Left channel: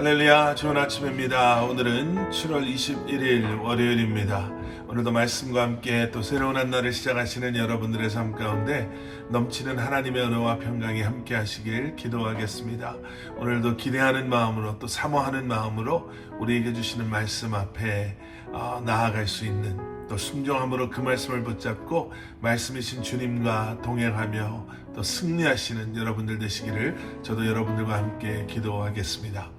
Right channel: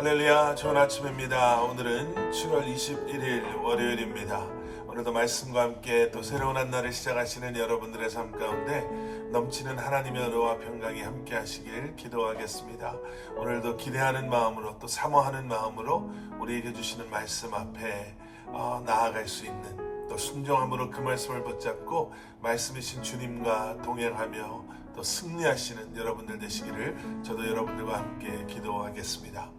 할렐루야, 좋은 아침입니다. 오늘은 7월 21일 월요일입니다. 오늘도 말씀과 함께 또 새로운 한 날을 시작하시는 여러분들의 삶 가운데 넘치는 하나님의 은혜와 평강이 함께 하시길 기도하겠습니다. 오늘도 기대하는 마음으로 또 사모하는 마음으로 우리에게 주시는 말씀 앞에 나아갈 수 있는, 또 순종함으로 그 말씀을 붙잡고 말씀이신 주님과 동행하며 또 승리하시는 여러분들 되시기를 저도 여러분들과 함께 기도하겠습니다.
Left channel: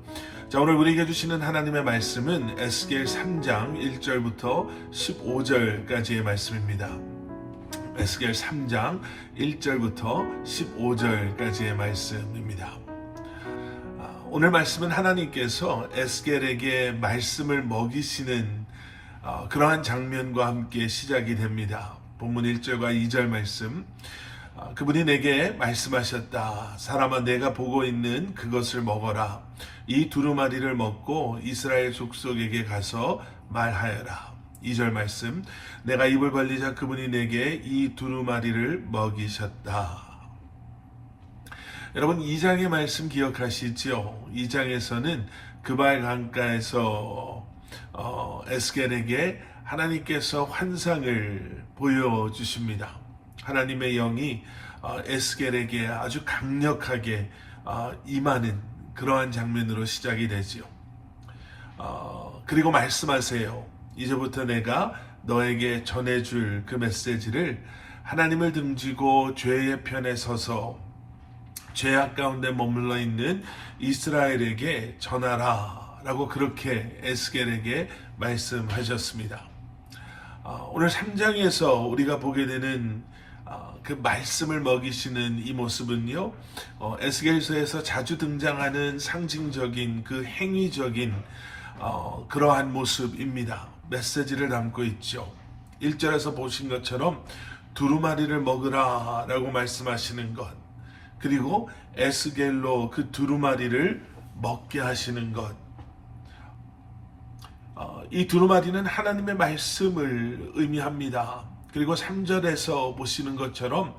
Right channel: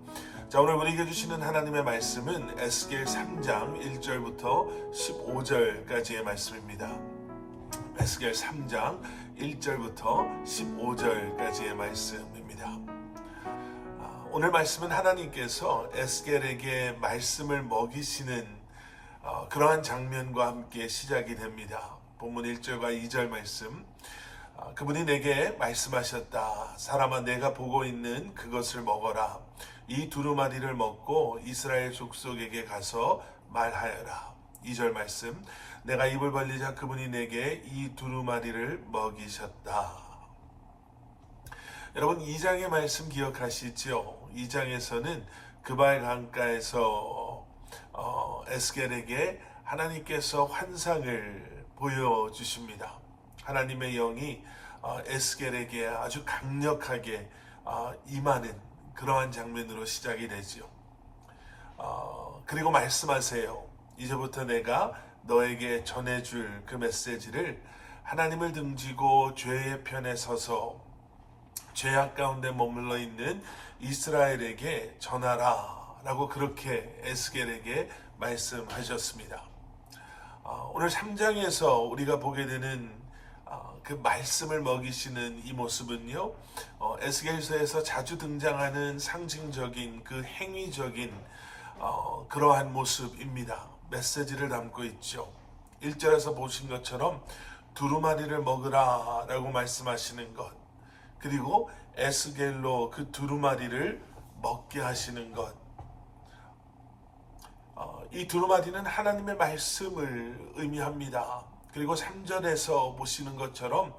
자, 오늘 우리에게 주시는 하나님의 말씀은 에스겔 3장 1절부터 15절까지의 말씀입니다. 에스겔 3장 1절부터 15절까지의 말씀입니다. 오늘 말씀은 하나님께서 에스겔에게 말씀을 먹이시는 그러한 장면과 함께 시작이 됩니다. 본문 1절과 2절 말씀. 그분이 내게 말씀하셨다. 사람아, 내가 보고 있는 그것을 먹어라. 이 두루마리를 먹고 이스라엘 족속에게 가서 말하여라. 2절 말씀. 내가 입을 벌리자 그분이 내게 이 두루마리를 먹이셨다. 여러분, 2장의 말씀 기억하시죠? 2장에서는 그발 강가에서 에스겔에게 하나님께서 환상을 보여주십니다. 하나님의 영이 에스겔에게 아주 강력하게 임하는 그러한 장면으로 시작이 되지요. 그리고 말씀하세요. 이제부터 내가 너에게 전해줄 그 메시지를 하나님을 등지고 죄의 편에 서서 죄악 가운데 머물러 있는 이스라엘에게 전하라 라고 그렇게 에스겔에게 말씀하셨습니다. 오늘 3장에서 우리가 보게 되는 그 말씀을 먹이시는 이 모습은요, 에스겔서에서 자주 등장하는 상징적인 그 행위적인 그러한 모습입니다. 메시지를 담고 있죠. 1절에서 보신 것처럼 두루마리를 먹으라 라고 말씀하시는 것, 그리고 에스겔로 그 두루마리를 먹게 하시는 것. 이 두루마리는 하나님의 말씀을 의미합니다. 그리고 3절에서 보시는 것처럼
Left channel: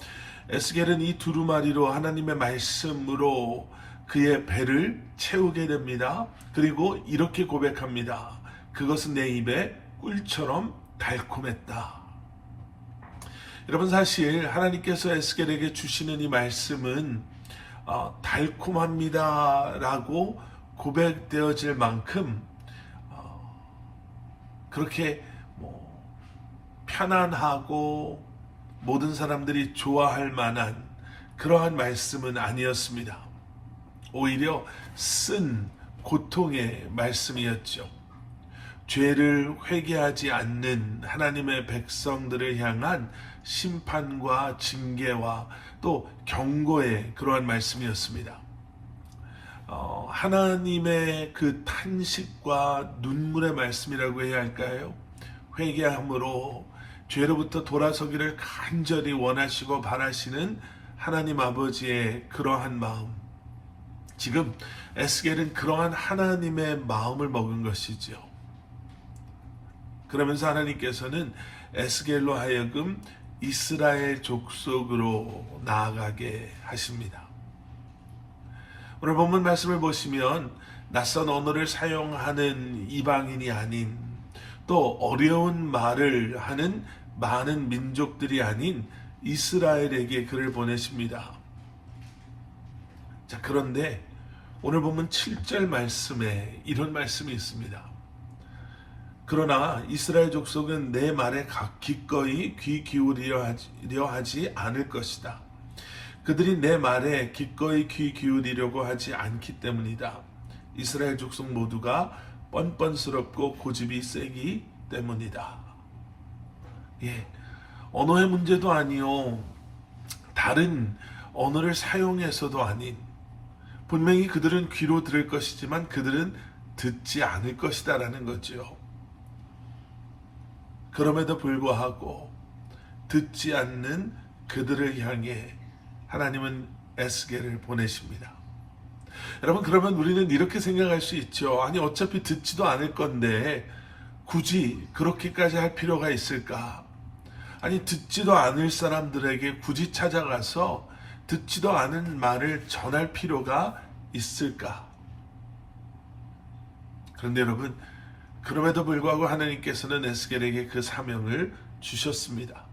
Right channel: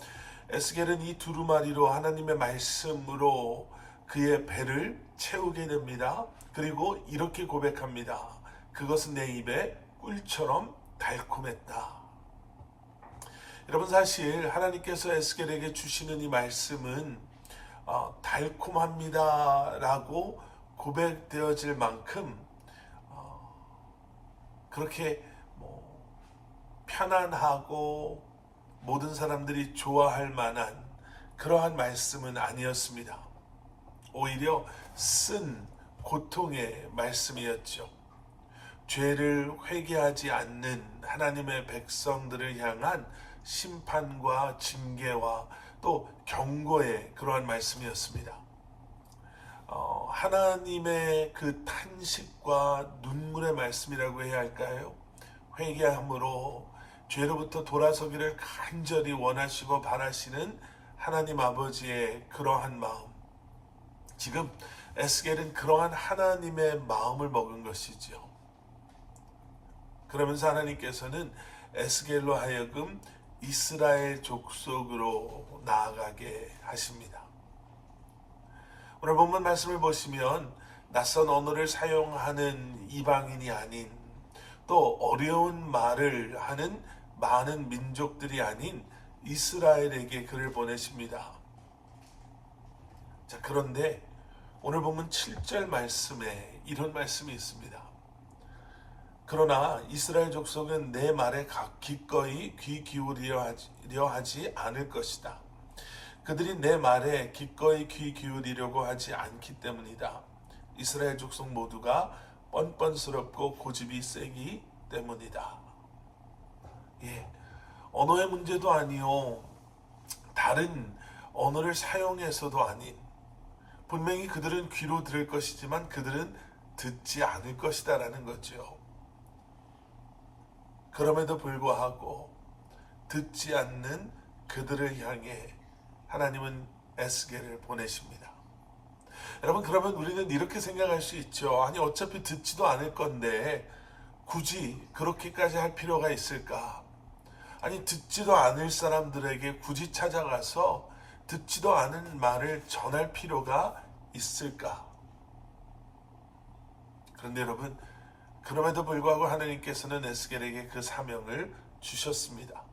에스겔은 이 두루마리로 하나님의 말씀으로 그의 배를 채우게 됩니다. 그리고 이렇게 고백합니다. 그것은 내 입에 꿀처럼 달콤했다. 여러분, 사실 하나님께서 에스겔에게 주시는 이 말씀은 달콤합니다 라고 고백되어질 만큼 그렇게 편안하고 모든 사람들이 좋아할 만한 그러한 말씀은 아니었습니다. 오히려 쓴 고통의 말씀이었죠. 죄를 회개하지 않는 하나님의 백성들을 향한 심판과 징계와 또 경고의 그러한 말씀이었습니다. 하나님의 그 탄식과 눈물의 말씀이라고 해야 할까요? 회개함으로 죄로부터 돌아서기를 간절히 원하시고 바라시는 하나님 아버지의 그러한 마음. 지금 에스겔은 그러한 하나님의 마음을 먹은 것이죠. 그러면서 하나님께서는 에스겔로 하여금 이스라엘 족속으로 나아가게 하십니다. 오늘 본문 말씀을 보시면 낯선 언어를 사용하는 이방인이 아닌, 또 어려운 말을 하는 많은 민족들이 아닌 이스라엘에게 그를 보내십니다. 자, 그런데 오늘 보면 7절 말씀에 이런 말씀이 있습니다. 그러나 이스라엘 족속은 내 말에 기꺼이 귀 기울이려 하지 않을 것이다. 그들이 내 말에 기꺼이 귀 기울이려고 하지 않기 때문이다. 이스라엘 족속 모두가 뻔뻔스럽고 고집이 세기 때문이다. 언어의 문제도 아니요, 다른 언어를 사용해서도 아닌, 분명히 그들은 귀로 들을 것이지만 그들은 듣지 않을 것이다 라는 거죠. 그럼에도 불구하고 듣지 않는 그들을 향해 하나님은 에스겔을 보내십니다. 여러분, 그러면 우리는 이렇게 생각할 수 있죠. 아니, 어차피 듣지도 않을 건데 굳이 그렇게까지 할 필요가 있을까? 아니, 듣지도 않을 사람들에게 굳이 찾아가서 듣지도 않은 말을 전할 필요가 있을까? 그런데 여러분, 그럼에도 불구하고 하나님께서는 에스겔에게 그 사명을 주셨습니다.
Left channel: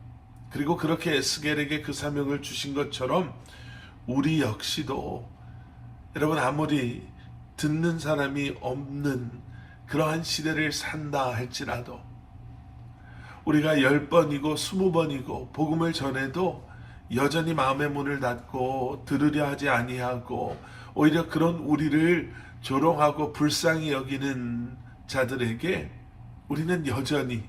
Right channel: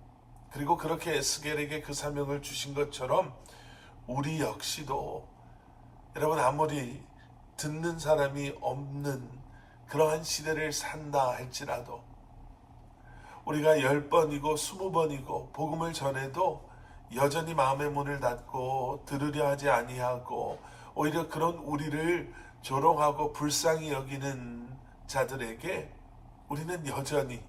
그리고 그렇게 에스겔에게 그 사명을 주신 것처럼 우리 역시도 여러분, 아무리 듣는 사람이 없는 그러한 시대를 산다 할지라도 우리가 10번이고 20번이고 복음을 전해도 여전히 마음의 문을 닫고 들으려 하지 아니하고 오히려 그런 우리를 조롱하고 불쌍히 여기는 자들에게 우리는 여전히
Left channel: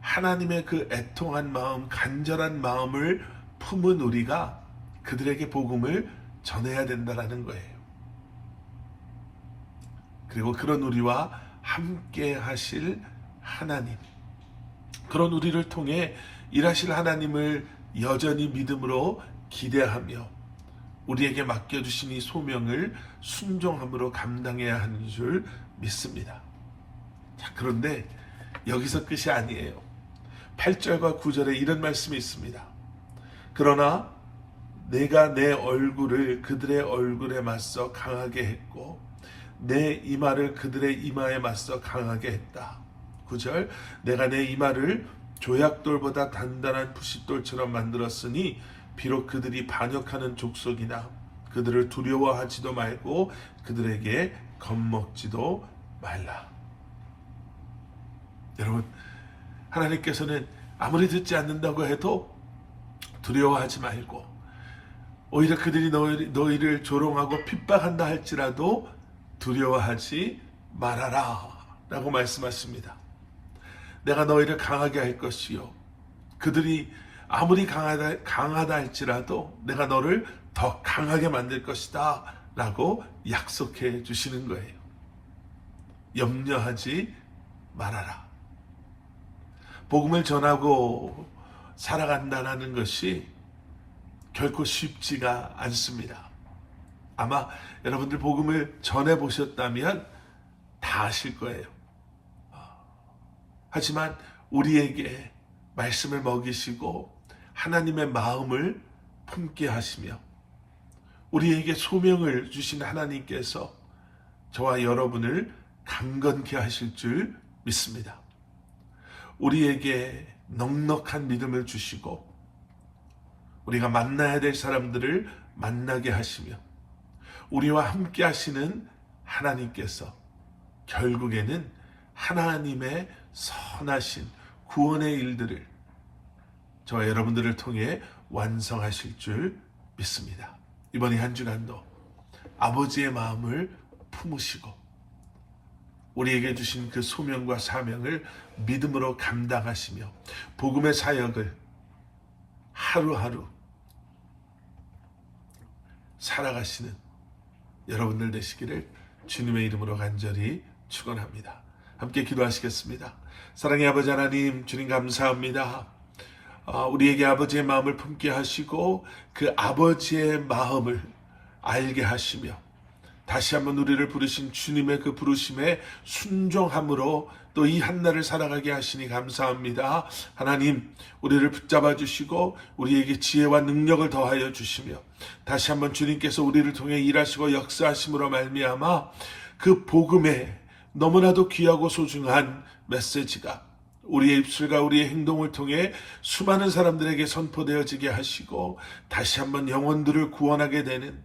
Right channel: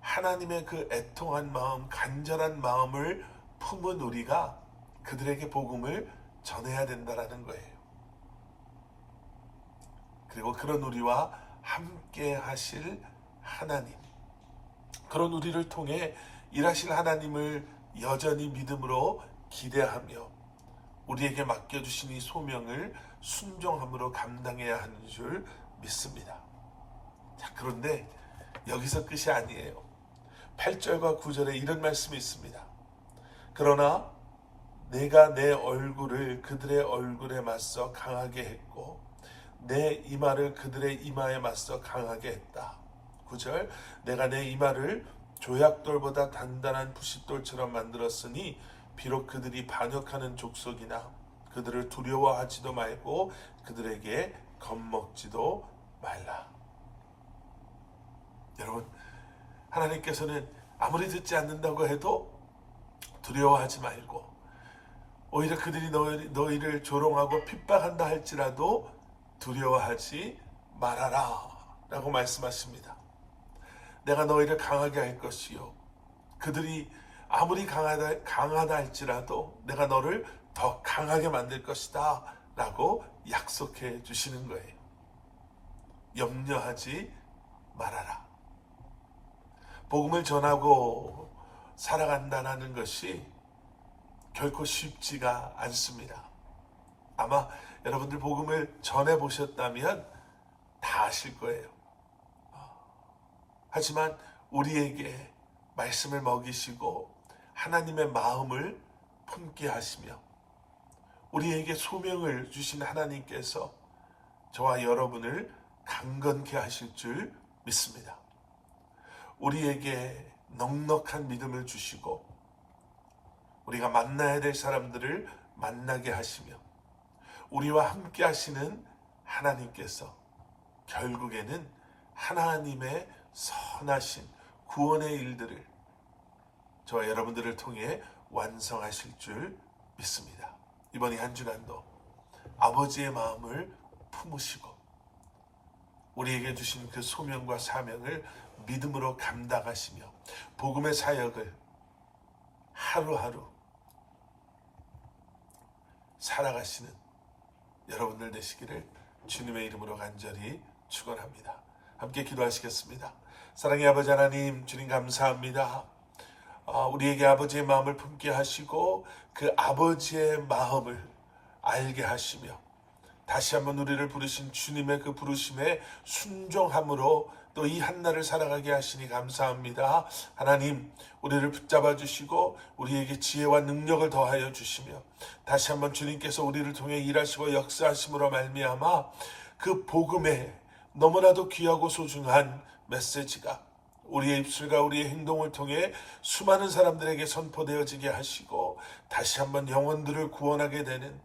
하나님의 그 애통한 마음, 간절한 마음을 품은 우리가 그들에게 복음을 전해야 된다라는 거예요. 그리고 그런 우리와 함께 하실 하나님, 그런 우리를 통해 일하실 하나님을 여전히 믿음으로 기대하며 우리에게 맡겨주신 이 소명을 순종함으로 감당해야 하는 줄 믿습니다. 자, 그런데 여기서 끝이 아니에요. 8절과 9절에 이런 말씀이 있습니다. 그러나 내가 내 얼굴을 그들의 얼굴에 맞서 강하게 했고 내 이마를 그들의 이마에 맞서 강하게 했다. 9절, 내가 내 이마를 조약돌보다 단단한 부싯돌처럼 만들었으니 비록 그들이 반역하는 족속이나 그들을 두려워하지도 말고 그들에게 겁먹지도 말라. 여러분, 하나님께서는 아무리 듣지 않는다고 해도 두려워하지 말고 오히려 그들이 너희를 조롱하고 핍박한다 할지라도 두려워하지 말아라 라고 말씀하십니다. 내가 너희를 강하게 할 것이요 그들이 아무리 강하다 할지라도 내가 너를 더 강하게 만들 것이다 라고 약속해 주시는 거예요. 염려하지 말아라. 복음을 전하고 살아간다는 것이 결코 쉽지가 않습니다. 아마 여러분들 복음을 전해보셨다면 다 아실 거예요. 하지만 우리에게 말씀을 먹이시고 하나님의 마음을 품게 하시며 우리에게 소명을 주신 하나님께서 저와 여러분을 강건케 하실 줄 믿습니다. 우리에게 넉넉한 믿음을 주시고 우리가 만나야 될 사람들을 만나게 하시며 우리와 함께 하시는 하나님께서 결국에는 하나님의 선하신 구원의 일들을 저와 여러분들을 통해 완성하실 줄 믿습니다. 이번 한 주간도 아버지의 마음을 품으시고 우리에게 주신 그 소명과 사명을 믿음으로 감당하시며 복음의 사역을 하루하루 살아가시는 여러분들 되시기를 주님의 이름으로 간절히 축원합니다. 함께 기도하시겠습니다. 사랑의 아버지 하나님, 주님 감사합니다. 우리에게 아버지의 마음을 품게 하시고 그 아버지의 마음을 알게 하시며 다시 한번 우리를 부르신 주님의 그 부르심에 순종함으로 또 이 한날을 살아가게 하시니 감사합니다. 하나님, 우리를 붙잡아 주시고 우리에게 지혜와 능력을 더하여 주시며 다시 한번 주님께서 우리를 통해 일하시고 역사하심으로 말미암아 그 복음에 너무나도 귀하고 소중한 메시지가 우리의 입술과 우리의 행동을 통해 수많은 사람들에게 선포되어지게 하시고 다시 한번 영혼들을 구원하게 되는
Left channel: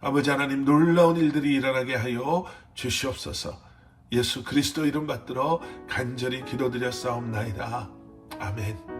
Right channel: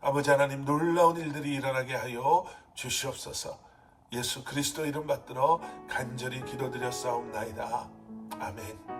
아버지 하나님 놀라운 일들이 일어나게 하여 주시옵소서. 예수 그리스도 이름 받들어 간절히 기도드렸사옵나이다. 아멘.